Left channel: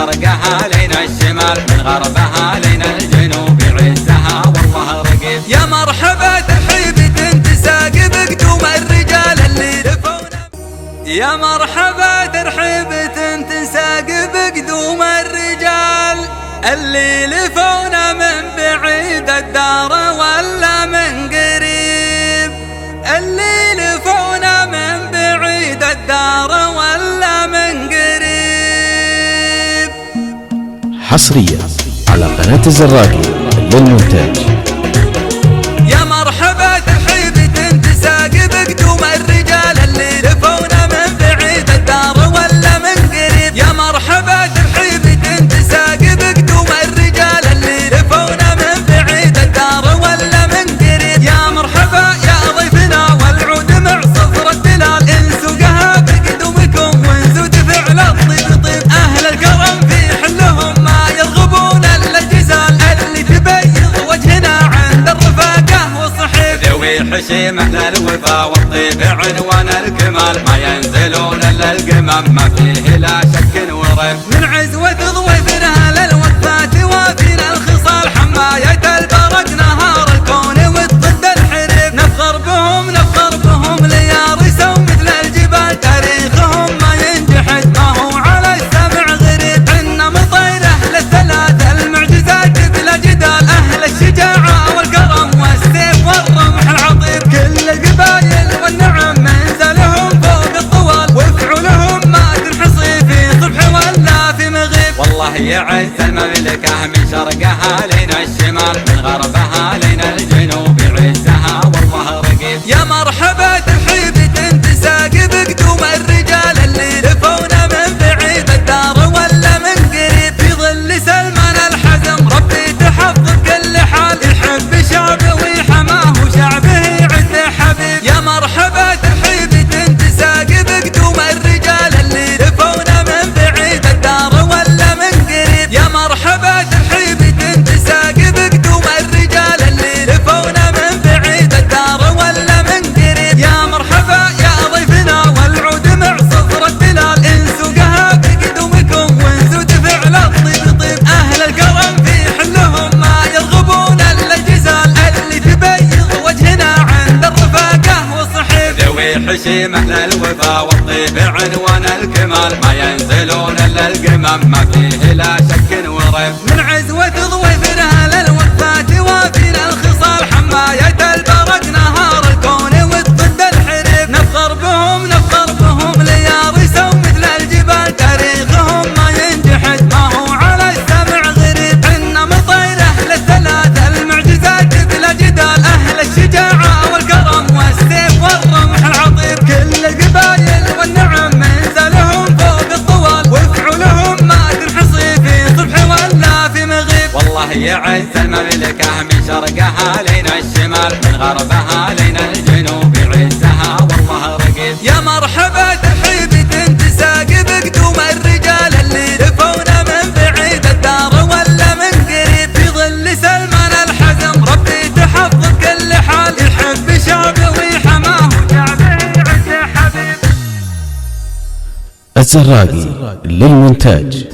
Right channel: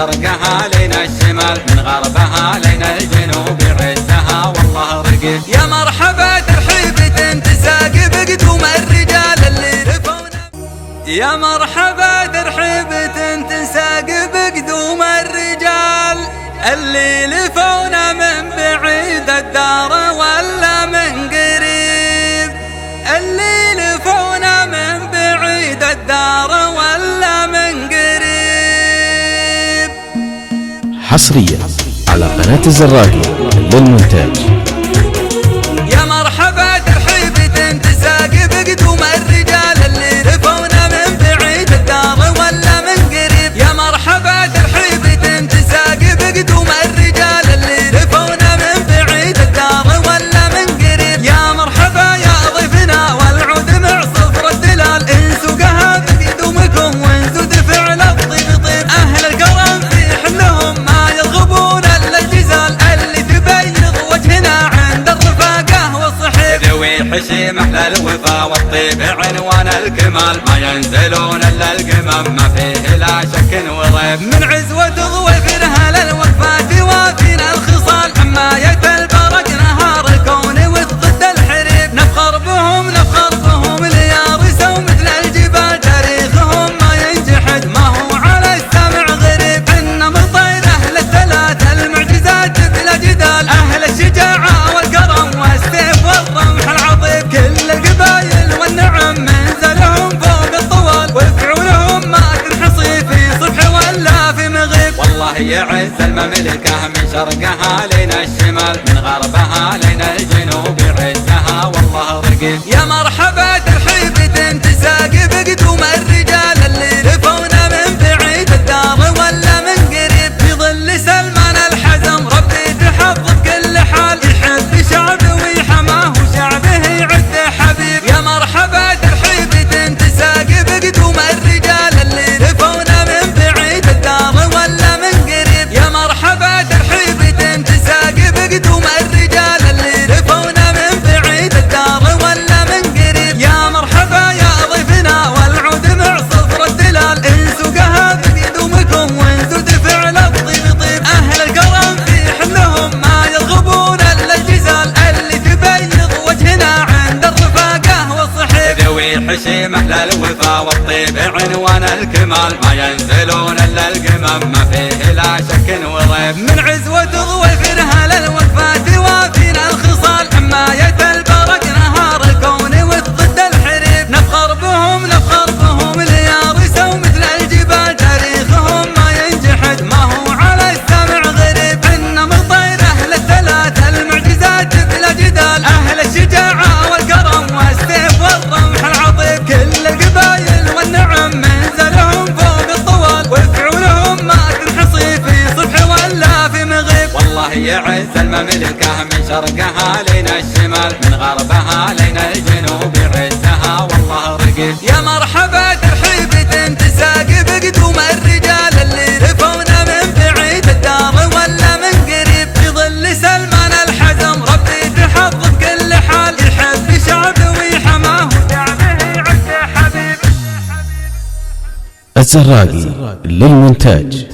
شرقها لين الشمال، من غربها لين الجنوب عزها والله رقيب. يا مرحبا ترحيبة تساقي بقدوم الرجال اللي لفونا، يا مرحبا ترحيبة تساقي بقدوم الرجال اللي لفونا من بعيد الدار ولا من قريب، اللي لفونا من بعيد الدار ولا من قريب. حصريا على قناة الزراقي للمونتاج. يا مرحبا ترحيبة تساقي بقدوم الرجال اللي لفونا من بعيد الدار ولا من قريب، يا مرحبا ترحيبة تساقي بقدوم الرجال اللي لفونا من بعيد الدار ولا من قريب. يا مرحبا يا ضيفنا والعود مع صفر الدلال، انسوقها بقدومكم وانسود فعل الطيب طيب. اهل الكرم في حلهم ما يرغبون الا الجزال اللي تبيض وجهنا عند الرفاقه والصحيب. ذوي حشيم اهل الوفا والطيب عنوان الكمال، ما ينزلون الا القمم ما فيه لا شك وريب. من عزوة ضويف اهل الوفات وفينا الخصال، حماية البرق نهار الكون والضد الحريب. نفخر بهم ليارسوا مثل الجبال، تاريخهم ما ينجحد ما هو على السمع غريب. عنا مطير اهل الثلاث المعجزات بلا جدال، اهل الشجاعة والكرم والسيف والرمح العظيم. كل القبايل والنعم منزلهم فوق الطوال، وفعولهم ما تنحصي في صبح ولا في مغيب. والله يعز المملكة من شرقها لين الشمال، من غربها لين الجنوب عزها والله رقيب. يا مرحبا ترحيبة تساقي بقدوم الرجال اللي لفونا من بعيد الدار ولا من قريب. في ظل سلمان الحزم ربي تحفظ كل حال، يحب شعبه ويحماه وشعبه يعز حبيب. يا مرحبا ترحيبة تساقي بقدوم الرجال اللي لفونا من بعيد الدار ولا من قريب. يا مرحبا ترحيبة تساقي بقدوم الرجال اللي لفونا من بعيد الدار ولا من قريب. يا مرحبا يا ضيفنا والعود مع صفر الدلال، انسوقها بقدومكم وانسود فعل الطيب طيب. اهل الكرم في حلهم ما يرغبون الا الجزال اللي تبيض وجهنا عند الرفاقه والصحيب. ذوي حشيم اهل الوفا والطيب عنوان الكمال، ما ينزلون الا القمم ما فيه لا شك وريب. من عزوة ضويف اهل الوفات وفينا الخصال، حماية البرق نهار الكون والضد الحريب. نفخر بهم ليارسوا مثل الجبال، تاريخهم ما ينجحد ما هو على السمع غريب. عنا مطير اهل الثلاث المعجزات بلا جدال، اهل الشجاعة والكرم والسيف والرمح العظيم. كل القبايل والنعم منزلهم فوق الطوال، وفعولهم ما تنحصي في صبح ولا في مغيب. والله يعز المملكة من شرقها لين الشمال، من غربها لين الجنوب عزها والله رقيب. يا مرحبا ترحيبة تساقي بقدوم الرجال اللي لفونا من بعيد الدار ولا من قريب. في ظل سلمان الحزم ربي تحفظ كل حال، يحب شعبه ويحماه وشعبه يعز حبيب. الزراقي للمونتاج.